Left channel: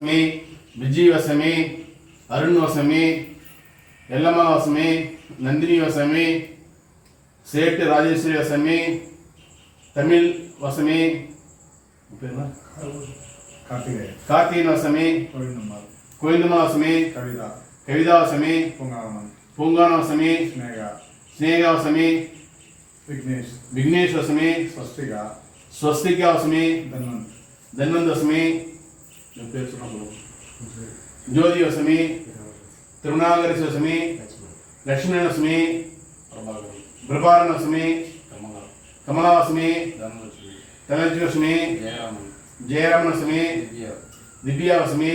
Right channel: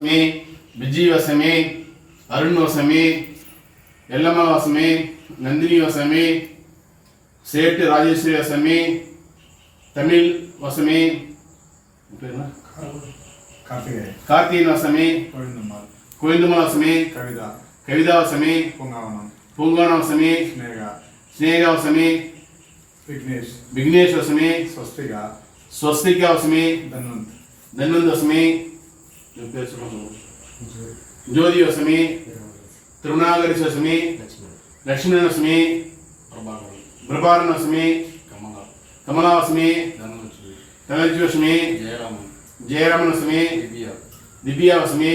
विजयवसमी अरुणवसमी यल्लम्मवसमी नंदिनीवसमी सेठ राजेश्वरी वसमी तमिल वसमी कार्तिकेयन वसमी कोयिंदम्मल वसमी कविता वसमी पूंगावन वसमी स्नेहा वसमी विघ्नेश वसमी स्वस्तिका वसमी धन्वंत वसमी ज्योति वसमी तिरुनागरी वसमी लक्ष्मण वसमी प्रभारन वसमी कमला वसमी धनलक्ष्मी वसमी जयरामन वसमी दिव्या वसमी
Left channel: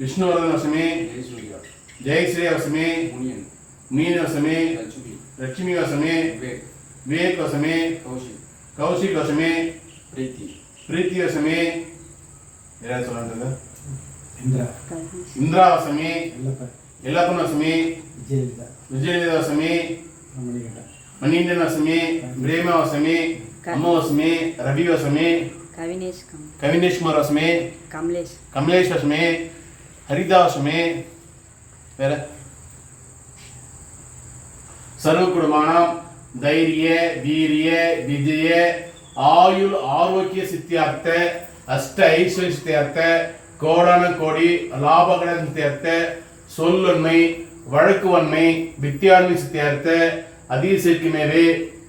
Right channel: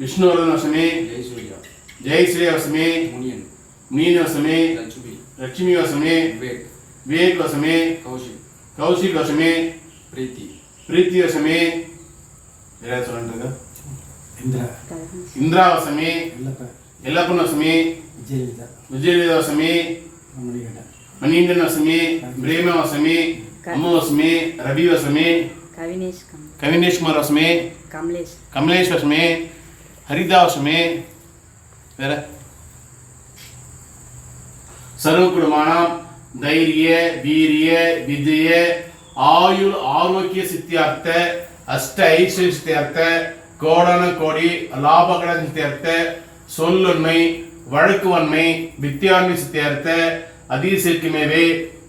विष्णुवर्धन वसमी जयश्री वसमी मुनियन वसमी लक्ष्मी वसमी विवेक वसमी कौशिक वसमी प्रीति वसमी इंद्रा वसमी यल्लप्पन वसमी विजयवेदा वसमी मणींद्रन वसमी प्रेम वसमी अम्मु वसमी रवि वसमी कविनेश कुमार वसमी कमलेश वसमी हरिदा वसमी सर्वकुटुंबानां धैर्य वीर्य विजय आयुल आरोग्य सिद्ध्यर्थ अष्ट ऐश्वर्य सिद्ध्यर्थ கோடான கோடி லாபகடன் சித்தியர்த்த சொல்லுண்மை வழக்குவன்மை வித்தியான்மை சித்தியர்த்த அதிசயக்கு மேலே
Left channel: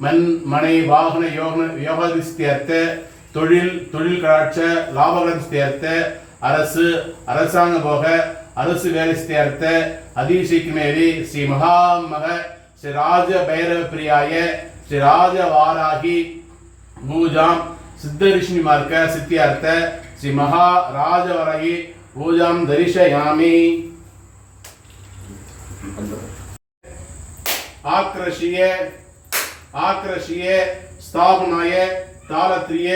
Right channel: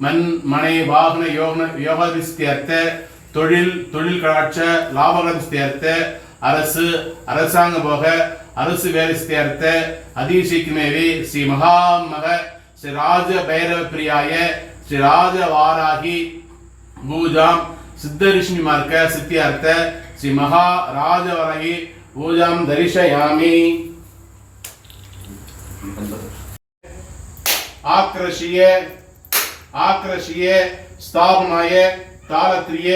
மண் மனை வாகன யோகாதி சித்தியர்த்த தொழில் கடாட்ச லாபகடன் சித்தியர்த்த அரசு அரசாங்க போக அரசு வேலை சித்தியர்த்த அதிசயக்கு மேலே ஸ்ரீ மகாமக ஸ்ரீ ராஜ பைரவ பிரியாய ஸ்ரீ ராஜ வாராகி பூஜாம் सिद्ध ऋषि मार्ग सिद्ध्यर्थ श्री महाराजवरहि पूजां दर्शयामि आक्रष्य स्थापनाय तालत्रिय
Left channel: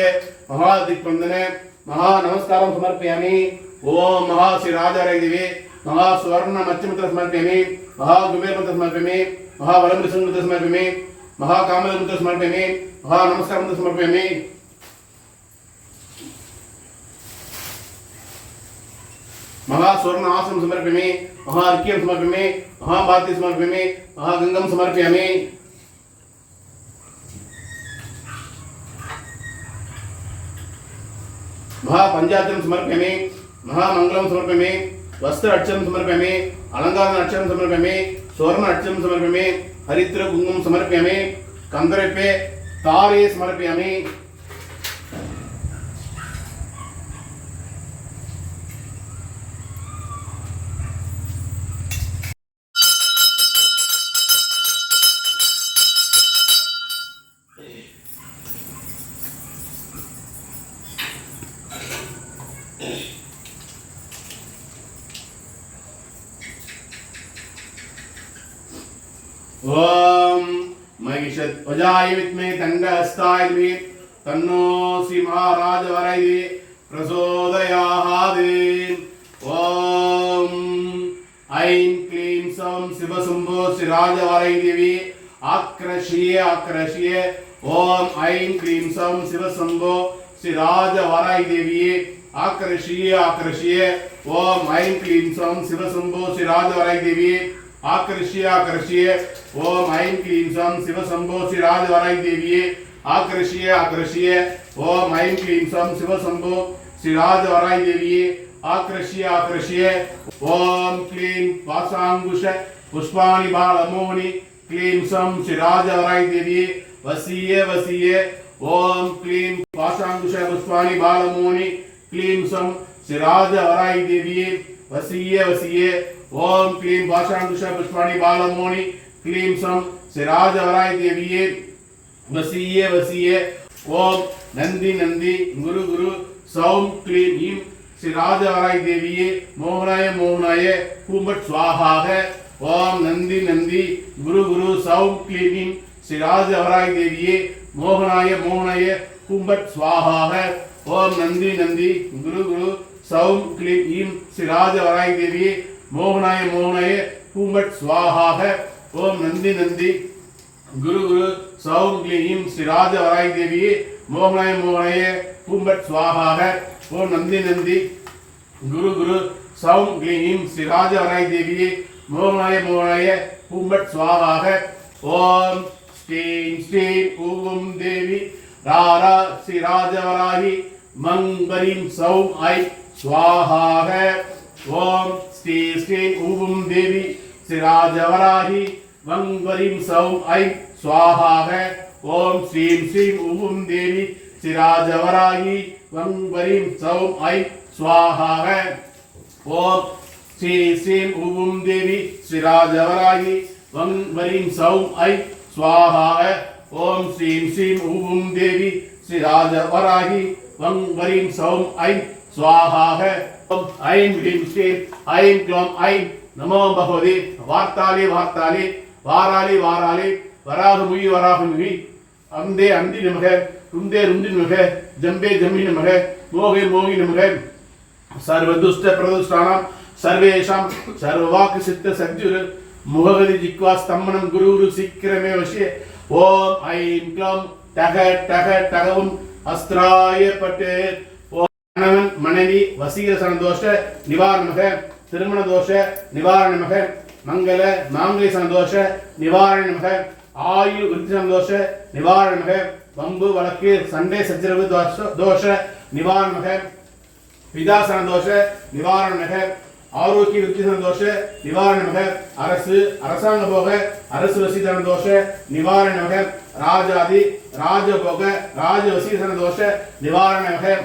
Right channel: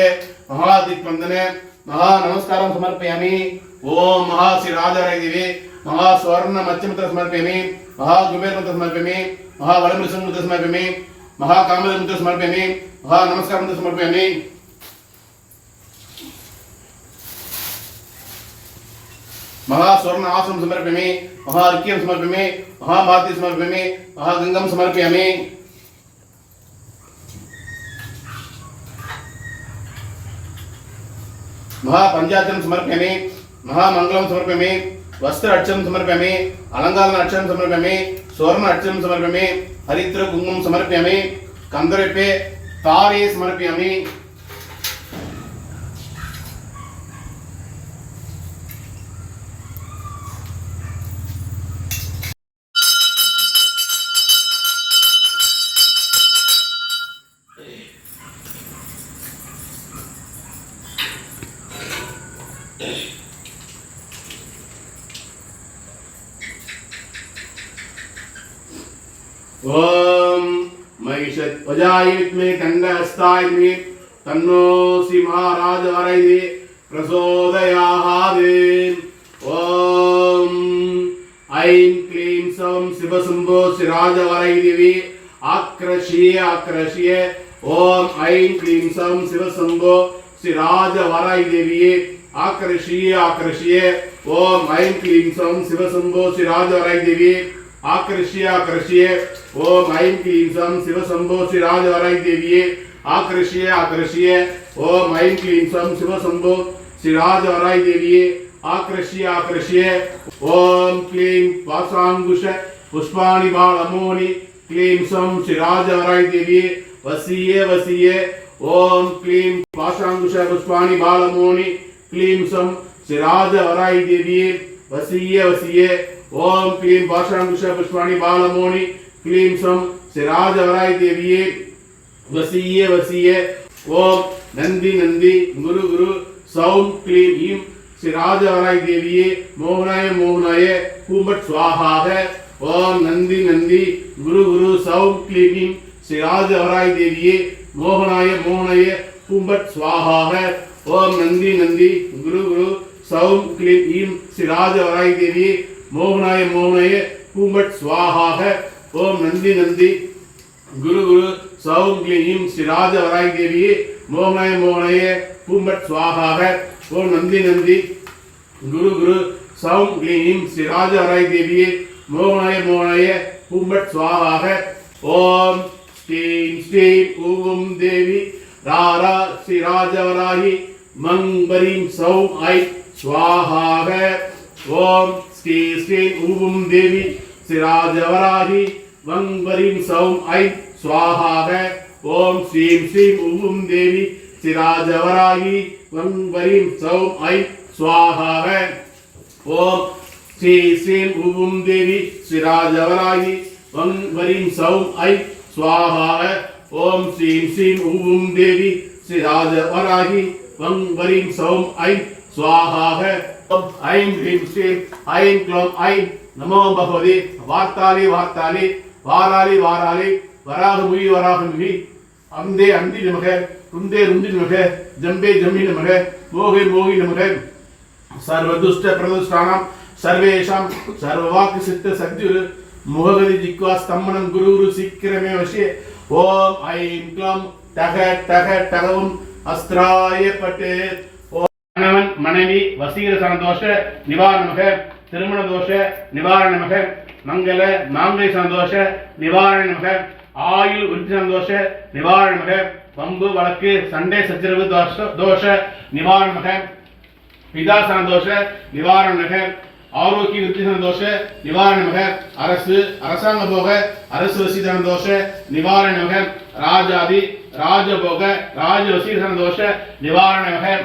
महादिक्वंदने महानमस्कारं समर्पयामि ओम महा श्री राजारायदेवी महा स्वर्ण मध्यमंत्र समर्पयामि महा कुबेर मंत्र समर्पयामि महा वलमृषं मंत्र समर्पयामि महा कामल मंत्र समर्पयामि महा नमस्कार मंत्र समर्पयामि महास्वर्ण आसन समर्पयामि महार्घ्यं समर्पयामि महाभारती समर्पयामि महागंगं समर्पयामि महापंचायतं समर्पयामि महामंगलं समर्पयामि वस्त्र अर्चनं समर्पयामि अलंकार अर्चनं समर्पयामि स्वर्ण अर्चनं समर्पयामि हरिद्र कुंकुमं समर्पयामि कंदरेपे तारे समर्पयामि ओम महिषध्वजाय विद्महे दण्डहस्ताय धीमहि तन्नो श्री महाराज वरैः प्रचोदयात् ओम ऐं क्लीं सौं शिवशम्भो श्री राजवरैदेवी आक्रष्य ओम ऐं क्लीं सौं शिवशम्भो श्री राजवरैदेवी आक्रष्य ओम ऐं क्लीं सौं शिवशम्भो श्री राजवरैदेवी आक्रष्य ओम ऐं क्लीं सौं शिवशम्भो श्री राजवरैदेवी आक्रष्य ओम ऐं क्लीं सौं शिवशम्भो श्री राजवरैदेवी आक्रष्य ओम क्लीं पाशांकुश पुष्पाणि बालमूनि क्लीं सौं श्री राजवरैदेवी वसीये ओम क्लीं पाशांकुश पुष्पाणि बालमूनि क्लीं सौं श्री राजवरैदेवी वसीये ओम क्लीं पाशांकुश पुष्पाणि बालमूनि क्लीं सौं श्री राजवरैदेवी वसीये ओम नंदी गुरु सौं क्लीं ईं श्री राजवरैदेवी मोहनाय कुंभट स्वाहा ओम नंदी गुरु सौं क्लीं ईं श्री राजवरैदेवी मोहनाय कुंभट स्वाहा ओम नंदी गुरु सौं क्लीं ईं श्री राजवरैदेवी मोहनाय कुंभट स्वाहा ओम नंदी गुरु सौं क्लीं श्री राजवरैदेवी मोहनाय पूंबट स्वाहा ओम नंदी गुरु गुरु सौं क्लीं श्री राजवराय देवी मोहनाय मोहनाय हुम्बट स्वाहा ओम स्टीं स्टीं ऊं देवी रारा श्री राजवराही मंगरीं सौं ऐ स्वाहा ओम श्री श्री ऊं देवी श्री राजवराही मंगरीं सौं ऐ स्वाहा ओम श्री श्री ऊं देवी श्री राजवराही मंगरीं सौं ऐ स्वाहा ओम श्री श्री ऊं देवी श्री राजवराही वंगरीं सौं ऐ स्वाहा ओम श्री श्री ऊं देवी श्री राजवराही वंगरीं सौं ऐ स्वाहा ऐं ह्रीं श्रीं ऐं क्लौं ऐं नमो भगवते वार्ताली वार्ताली वाराली वाराली वराहमुयि वराहमुयि अंदे अंदि नमः रुंदे रुंदि नमः जंबे जंबि नमः मोहे मोहि नमः सर्वदुष्ट प्रदुष्टानां सर्वेषां सर्ववाक् सिद्ध सद्गुरु मुहगति जिह्वा स्तम्भनं गुरुरु शीघ्रमे वशे ओम ऐं क्लौं टह टह टहवं अस्त्राय पटे கணவன் மனைவி வசீகர சந்தோஷ நிவாரணமாக திருமண தோஷ நிவாரணமாக மங்கள மாங்கல்ய சந்தோஷ நிவாரணமாக ஆயுள் விருத்தி சந்தோஷ நிவாரணமாக வம்பு வழக்கு சண்டை சச்சரவு தோஷ நிவாரணமாக பிதா சந்தோஷ நிவாரணமாக ஆரோக்கிய விருத்தி சந்தோஷ நிவாரணமாக அரசு அரசாங்க போக அரசு வசீகர சந்தோஷ நிவாரணமாக ராஜாதி ராஜபோக ராஜ வசீகர சந்தோஷ நிவாரணமாக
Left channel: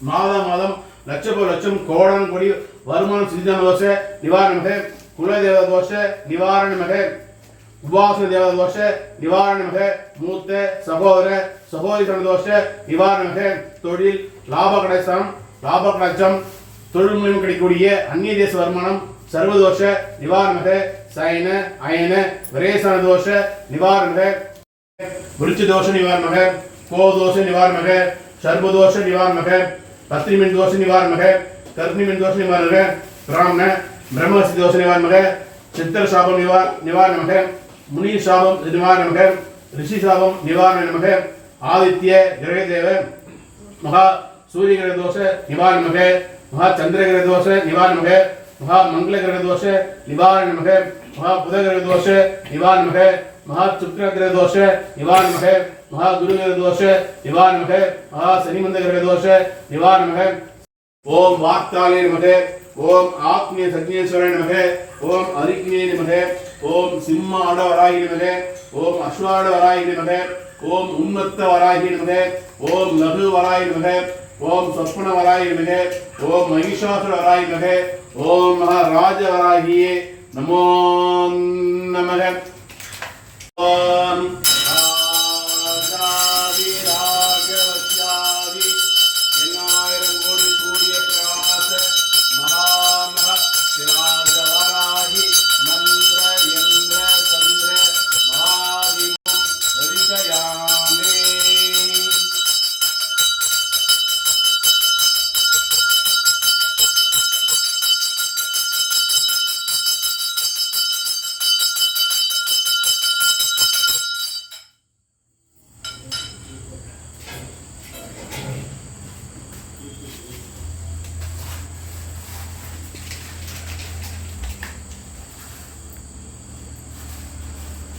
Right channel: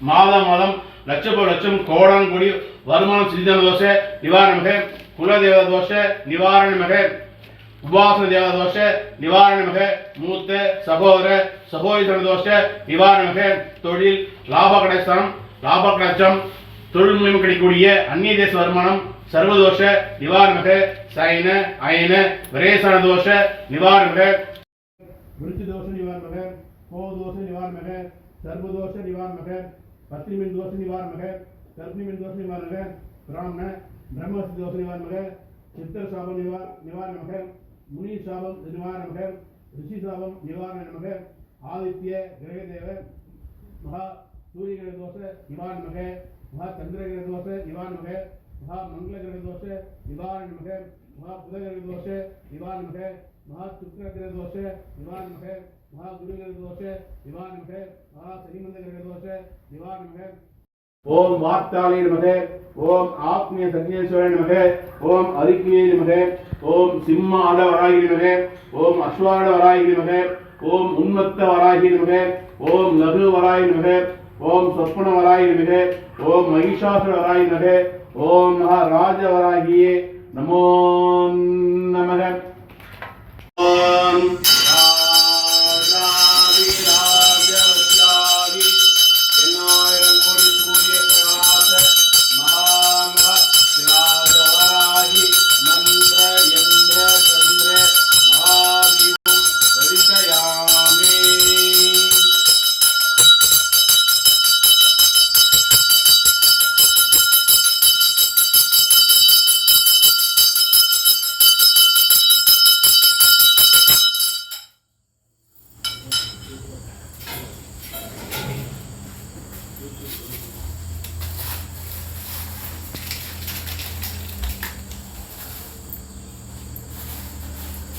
மாதம் மாதம் லட்சம் லட்சம் கோடான் கோடி வருமானம் சிறிதன தோஷ நிவாரணமாக குலதேவ தோஷ நிவாரணமாக உபாசன தேவ தோஷ நிவாரணமாக மூத்த சகோதர சகோதர தோஷ நிவாரணமாக தொழில் லாப கடைசனம் லாப கடைச்சம் தொழில் மூலம் கிடைக்கக்கூடிய அந்நிய தேச வருமானம் சர்வதோஷ நிவாரணமாக சைன அயன விரேசன தோஷ நிவாரணமாக விருட்ச தோஷ நிவாரணமாக கோதோஷ நிவாரணமாக சர்வதோஷ நிவாரணமாக பத்ரிமின் தோஷ நிவாரணமாக கர்ணிமின் தோஷ நிவாரணமாக பிராமண பிரம்மசி தோஷ நிவாரணமாக சித்திர சாபம் நிவாரணமாக முனி சாபம் நிவாரணமாக ரிஷி சாபம் நிவாரணமாக ஆதித்ய கிரகதேவ மகா சூரிய கிரக தோஷ நிவாரணமாக மகா சந்திர கிரக தோஷ நிவாரணமாக மகா மங்கள கிரக தோஷ நிவாரணமாக மகா புத கிரக தோஷ நிவாரணமாக மகா சுக்கிர கிரக தோஷ நிவாரணமாக மகா குரு கிரக தோஷ நிவாரணமாக மகா சனிமந்த கிரக தோஷ நிவாரணமாக ஓம் வார்த்தாலே நமக ஓம் ஆத்மீய சக்னேஸ்வராய நமக ஓம் அரிக்னே நமக ஓம் சிம்ம ஆடவராகி நமக ஓம் அஸ்வாட வராகி நமக ஓம் உன்மத்த வராகி நமக ஓம் லகு வராகி நமக ஓம் சொப்பன வராகி நமக ஓம் மகிஷாசுர வராகி நமக ஓம் மகாராஜ வராகியே நமோ நமக ஓம்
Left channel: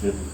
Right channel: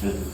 Good.